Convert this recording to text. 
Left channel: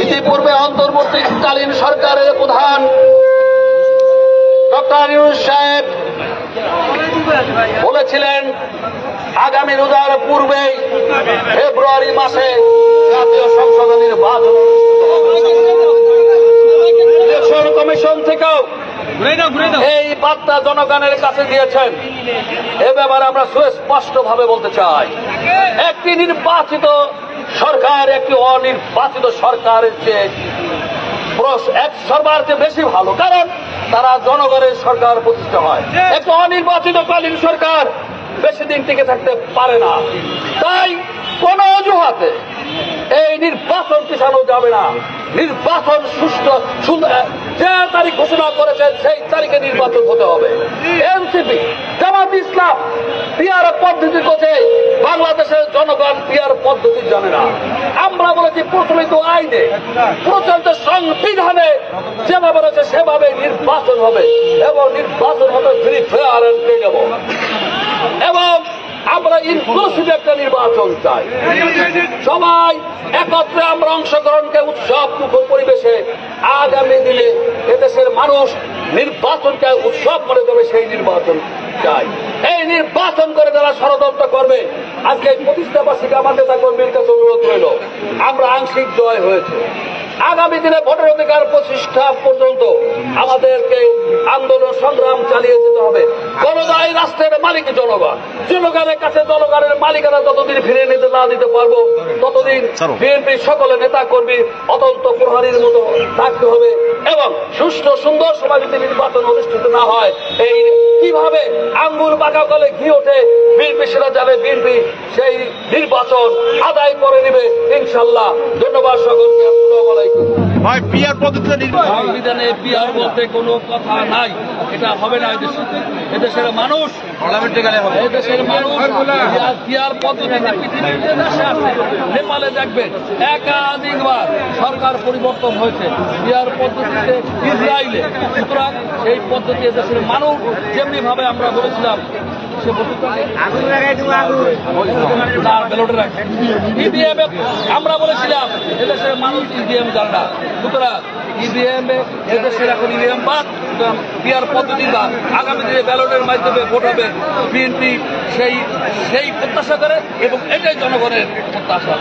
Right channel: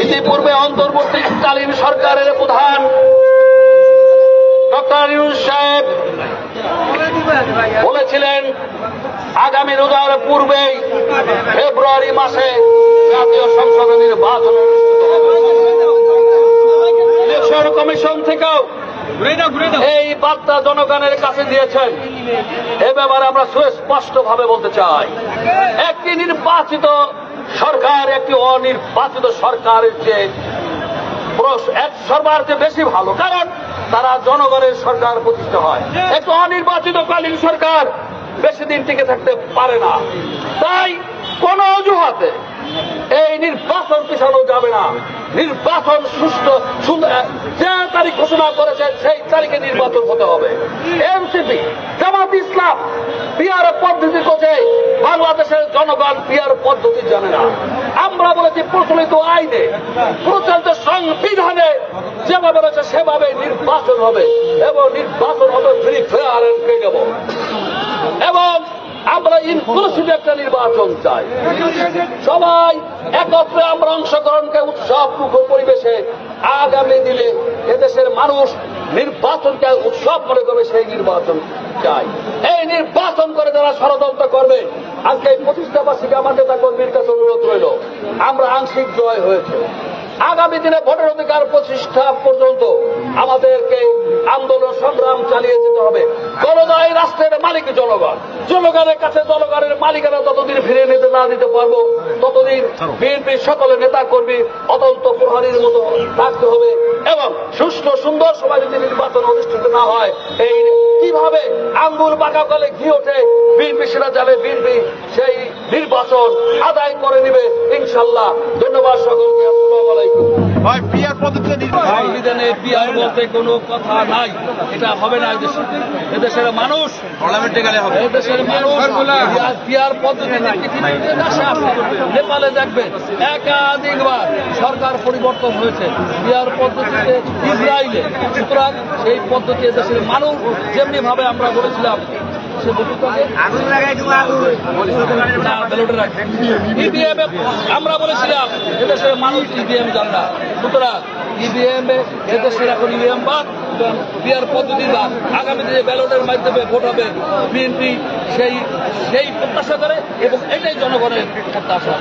ইতিপূর্বে অন্তর্বর্তীকালীন সরকারের প্রধান ডক্টর ইউনূস সাহেব বলেছিলেন আগামী রোজার পূর্বেই ফেব্রুয়ারি মাসে জাতীয় সংসদ নির্বাচন। ইলেকশন কমিশন থেকেও এই বার্তা জনগণের কাছে দিয়েছেন। এ ব্যাপারে আমরা সুস্পষ্টভাবে বলতে চাই, একটি নির্বাচিত সরকার একটি অনির্বাচিত সরকারের চেয়ে সরকার চেয়ে বেশি ভালো, কারণ তারা জনগণের সরকার প্রতিষ্ঠা হয়। একটি অনির্বাচিতকালীন সরকার বেশি দিন টিকে থাকতে পারে না। তাই কোন অজুহাতে এই নির্বাচন পিছানো যাবে না। নির্বাচন সুষ্ঠু যে তারিখ ঘোষণা করেছে সেই তারিখে নির্বাচন হতে হবে। এনসিপি, জামাত ইসলাম পিআর পদ্ধতি করছে, বাংলাদেশের জনগণ পিআর পদ্ধতি জানে না। আমরা বলেছি প্রচলিত আইনে, প্রচলিত সংবিধানে যেভাবে রয়েছে সেভাবে নির্বাচন হবে এবং নির্বাচন হবে ফ্রি ফেয়ার এন্ড ক্রেডিবল, এবং আমরা ইনক্লুসিভ একটা নির্বাচন চাই। সবাই একত্রে আমরা অংশগ্রহণকে উৎসব মুখর পরিবেশে আগামী দিনে এদেশের মানুষ নির্বাচনকে উৎসব করে দেবে, সেই নির্বাচন চাই। এই নির্বাচন করে যারা ষড়যন্ত্র করবে, আজকে এই প্রতিষ্ঠাবাসীকে আমার নেতা কর্মীর কাছে অনুরোধ রইল, আমরা আংশিক জয় হয়েছে। আগামী দিনে ভোটের অধিকার প্রতিষ্ঠা পর্যন্ত আমাদেরকে আন্দোলন সংগ্রাম চালিয়ে যেতে হবে। জনগণ এই রাষ্ট্রের মালিক, জনগণ, জনগণের কাছে জনগণের মালিকানা যতদিন ফিরে নিতে না দিতে পারবো ততদিন বিএনপির সকলে নেতা কর্মী অতন্ত প্রহরীর মতো থাকতে হবে। এবং সুষ্ঠু সুন্দর সভা যদি নির্বাচন অনুষ্ঠিত না হয়, এই কিভাবে আঙ্গুর পাকাকালে ঘি ওঠে, বিএনপি সেটা জানে, বিএনপি সেই নির্বাচন আদায় করে নেবে ইনশাল্লাহ। ধন্যবাদ সকলকে। সংবিধানে পিআর বলতে কোনো কথা নাই, এটা হবে না। এদেশের মানুষ পিআর পদ্ধতিতে পৃথিবীর যে দেশে আছে, নেপালে দেখবেন একাধিকবার সরকার পরিবর্তন হয়েছে পিআর পদ্ধতিতে, ইসরায়েলে। সুতরাং সেই পদ্ধতি এদেশের মানুষ যেমনি ভাবে আমরা বলেছিলাম সে বন্ধুটাকে না ব্যালটে রাখে, ইভিএম আমরা বলেছিলাম এদেশের মানুষ ইভিএম জান না। সুতরাং ইভিএম এদেশের এখন ইভিএম বাদ, পিআর পদ্ধতি বাদ। আগামী দিনে ব্যালটের মাধ্যমে ভোট হবে, বিএনপি সেই প্রত্যাশা করে এবং এটাই জনগণের প্রত্যাশা।